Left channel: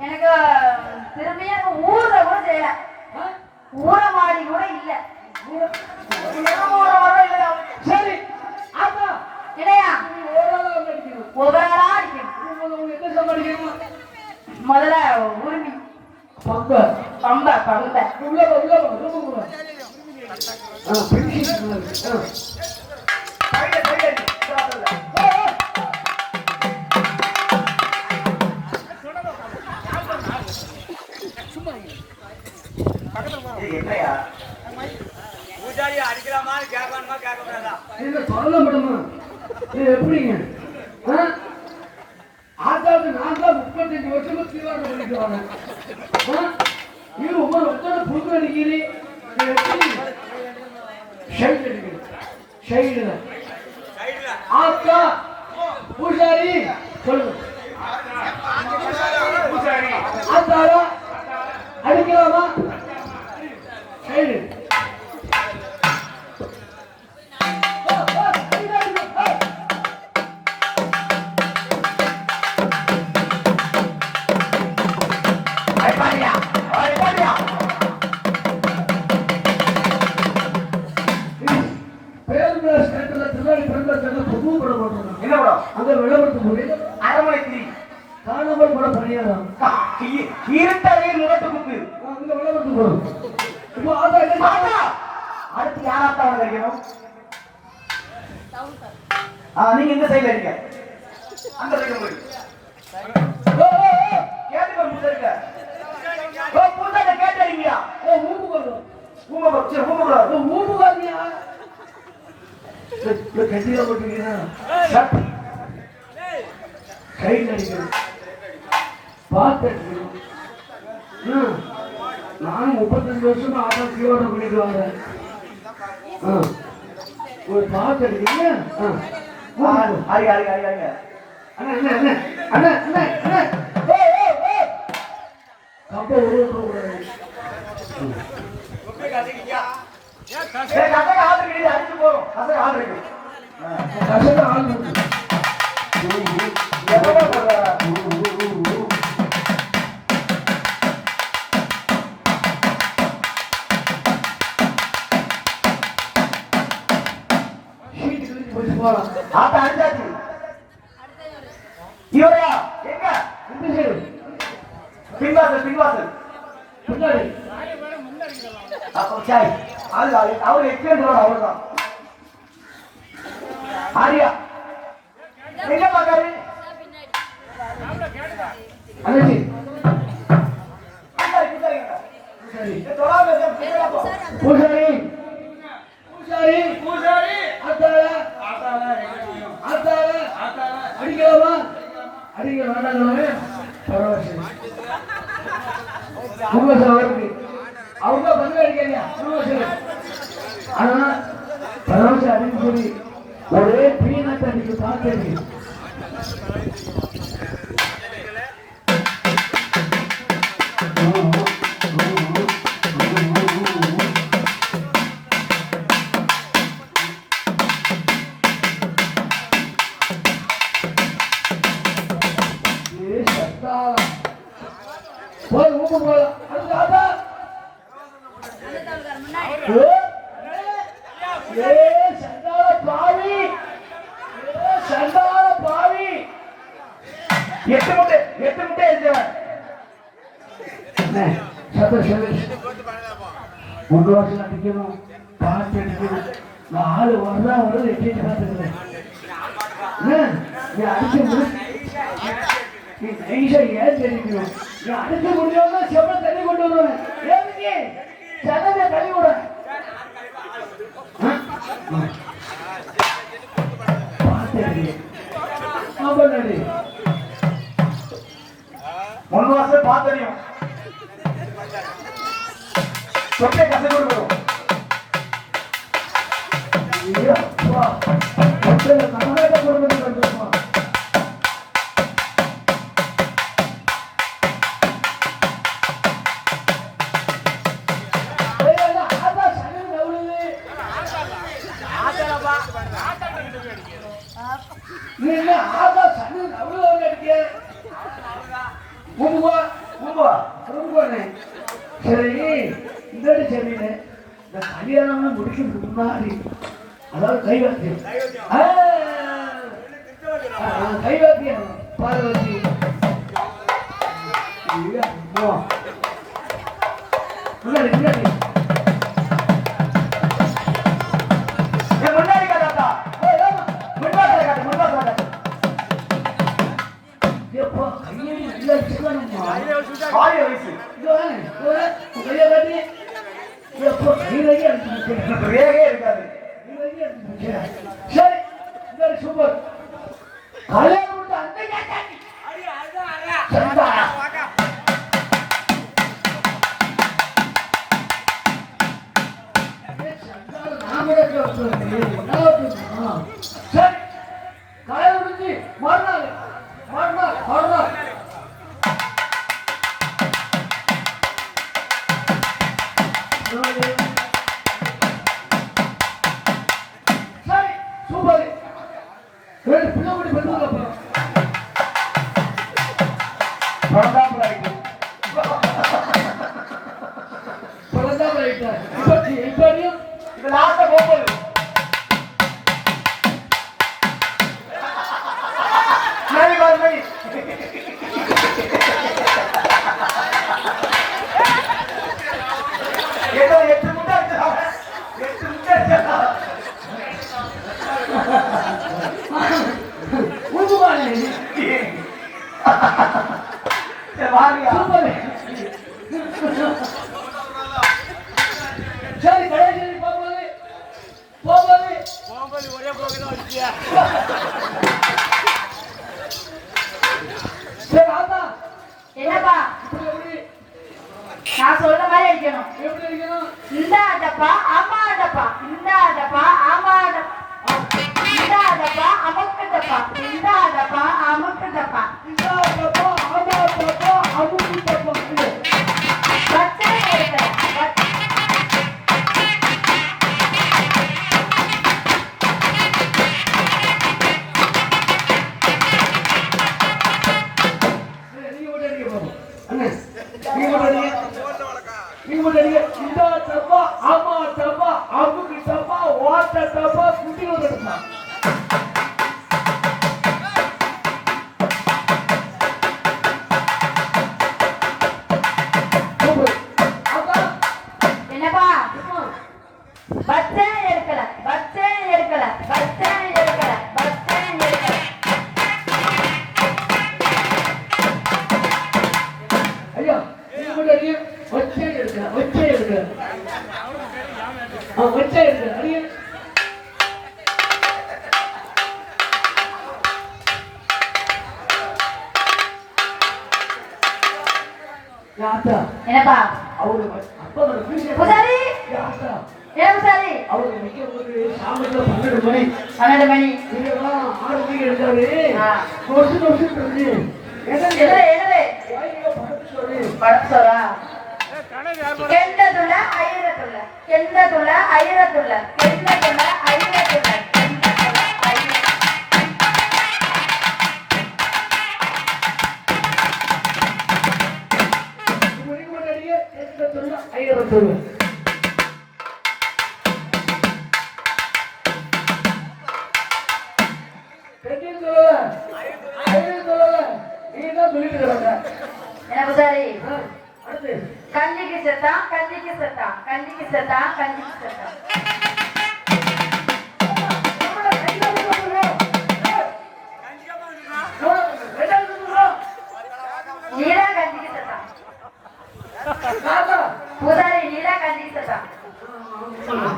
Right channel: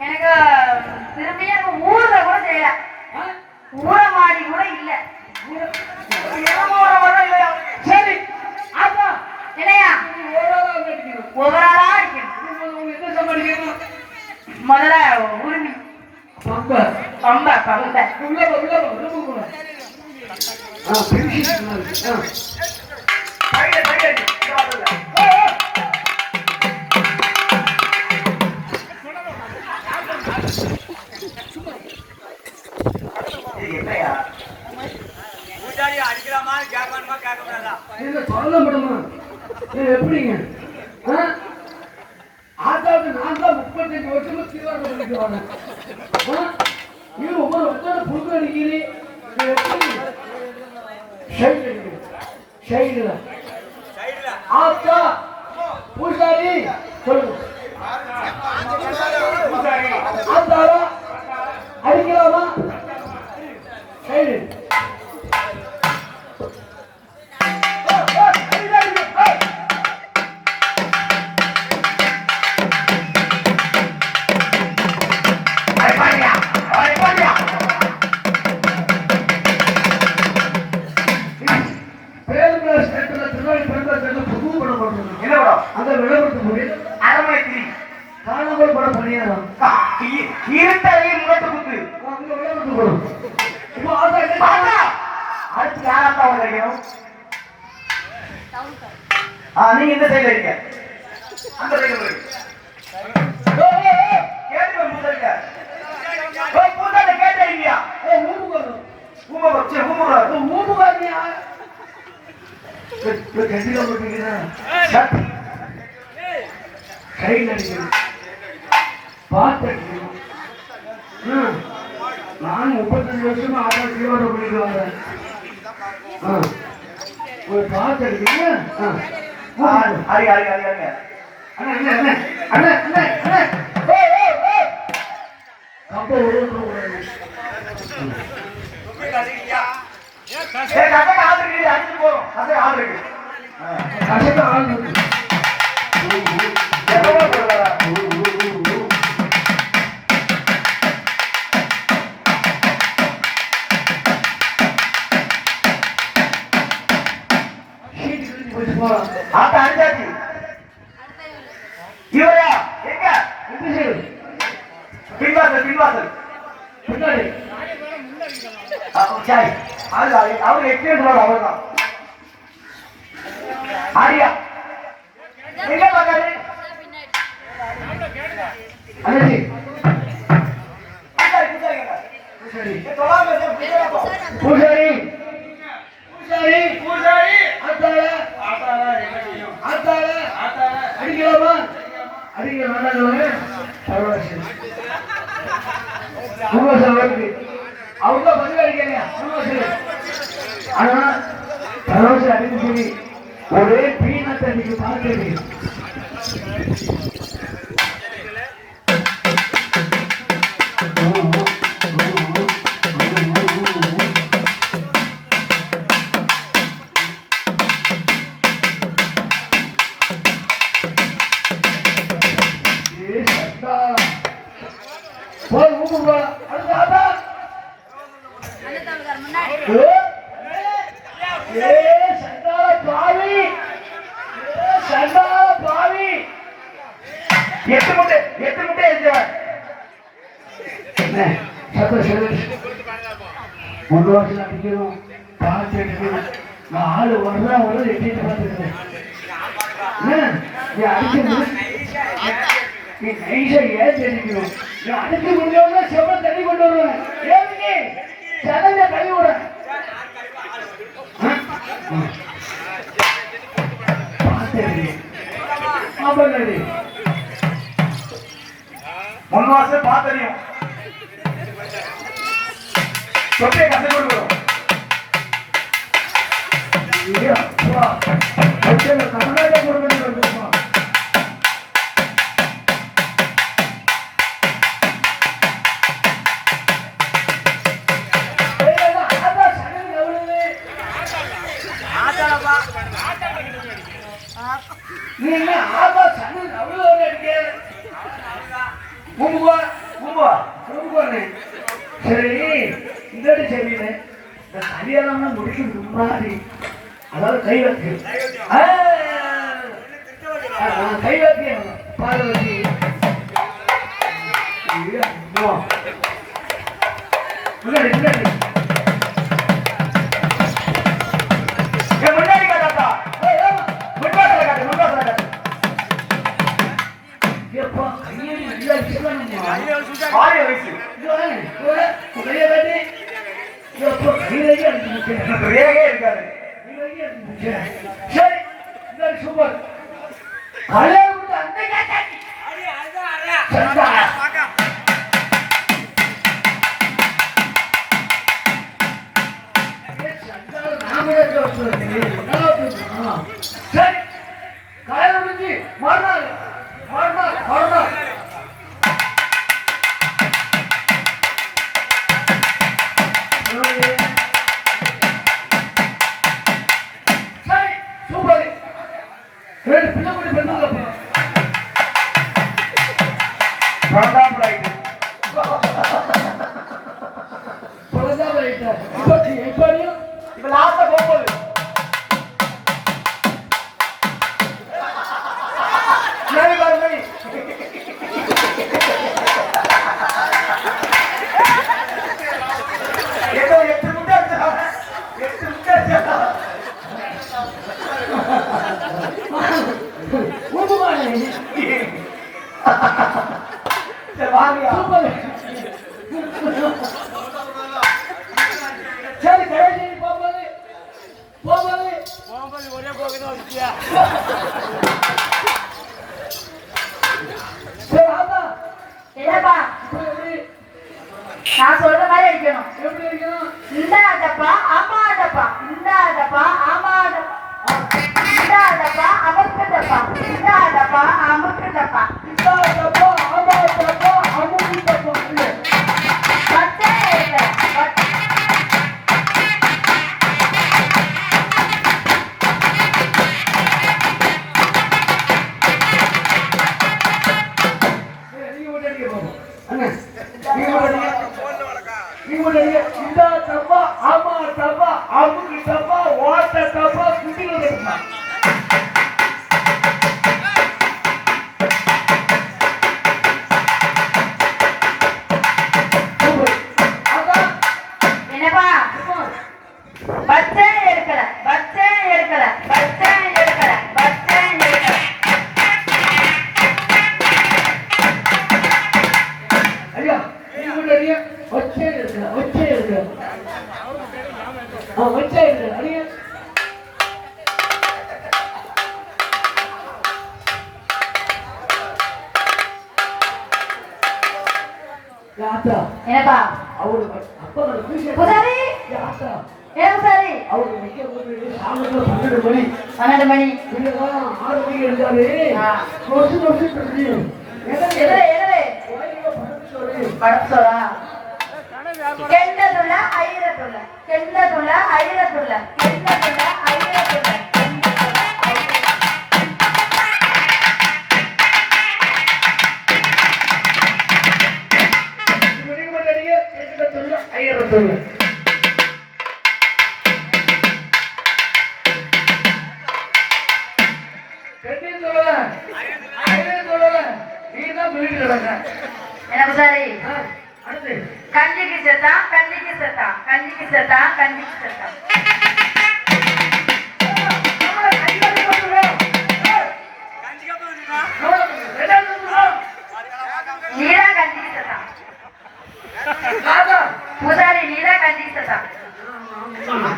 எனக்கு திரும்பி எனக்கு ஊர்ல கூட செய்யல. ஊர மாடி கூட இல்ல. தீவிரம் பண்ணிட்டு ஒவ்வொரு வருஷம் புது அடிக்கிறீ ஷைட் ஆத்தா பூசாரி சொல்லுங்க. அடிக்கலாமா? பேருந்து ஸ்டேட்ல திருவாரூர் ஸ்டேட்ல புது படம் பண்றாங்க என்ன படம்? அந்த விளம்பரத்து போய் அரண்மனை திரி காணாமல் படம் பண்ணிடுறாங்க இருட்டறையில் முரட்டு புக்கு அந்த விளம்பரத்து படம். அடுத்து யாராத்தா அவங்க அடிக்கணும் ஆ நீங்க இந்த சைடுல அடிங்க அந்த சைடு கேட்டு ஊம சரி ஊமக்கூடாது ஊமுகாரனியா கட்டில போட்டுக்கிறேன் கையில் அடிக்கணும் பார்த்து நான் முப்பத்தஞ்சு வருஷமா ஆறாம் தீவிரம் பண்ணிட்டு வரேன் ஒரு பார்த்து அடிக்கீங்க ஆ, அடிங்க அடிங்க அடிங்க அண்ணா அண்ணா அண்ணா அண்ணா அண்ணா அண்ணா கம்பை விழுந்துடக்கூடாது ஆள் இருக்கு அடிச்சு போறோம் ஆள் இருக்கு ஆள் ஆத்த எங்க பின்வாசல் பின்வாசல் பின்னாடி சரி. அவர் எக்ஸ்பீரியன்ஸ் அவர் தான் ஆரியா. எங்க பார்த்தாரு? பூசாரி ஆத்தாள. என்ன ஆத்தாள. அடிக்கலாமா? அடிக்க வேண்டாங்களே பரவாயில்ல. அவங்க தான் பதில் அடிக்கலையா ஆனா பரவாயில்ல அடிக்க ஒரே பீனத்தை நீங்க பார்த்தது. எட்டு முட்டை எட்டு முட்டை என்ன சத்த சொல்லு வருஷம் அடிக்கணும் பார்த்து அடிக்கணும் நான் ஆளு வர்றா வர எட்டிட்டு நீ அடிக்க நீ நைஸா ஏன் தெரிவிக்கணும் நீ அடிக்க முடியாம செவ்வளவு தண்ணி கொண்டு வருவேன் ஏன் சடங்க கழுவி கசை கொடுக்கணும் இதோட சரியில்லை இந்த கல்யாணம்லாம் முடிக்கிறதுக்கு முன்னாடி அதாவது கை வைக்க ஆ, ஆ, கை வைக்க பார்வதி. முன்னாடி முன்னாடி. சூப்பர். கல்யாணம் அந்த. சந்தா. இப்போ இப்படியும் இப்ப லாஸ்டா போகும்போது நான் சொல்ற மாதிரி அடிக்கணும். எப்படி இருக்கணும் இந்த ஆட்டப்பா ஆமா ஆட்டப்பா இந்த ஆட்டப்பா ஆமா இந்த ஆட்டப்பா அமுக்கு டப்பா இந்த அமுக்கு டப்பா நீங்க மட்டும் அடிங்க நீங்க மட்டும் அடிங்க இதா டப்பா ஆமா தப்பா அமுக்கு டப்பா குட்டி என்னப்பா? பச்சை ಏನಪ್ಪಾ ಅವರು அவரு அப்பா விஷயம் புசாரி யாத்தா என்ன புசாரி அவர் வைக்கும்போது சாமத்துல பன்னெண்டு மணி பன்னெண்டு மணி ஆறு மணி எடுத்தாரு கையெழுத்து கஞ்சிக்கு செத்தா கஞ்சிக்கு செத்தா. கஞ்சிக்கு செத்தா கஞ்சிக்கு செத்தா. நீதான் கஞ்சிக்கு செத்தா. பூசாரி நீ தான் கண்டித்ததா ஆமா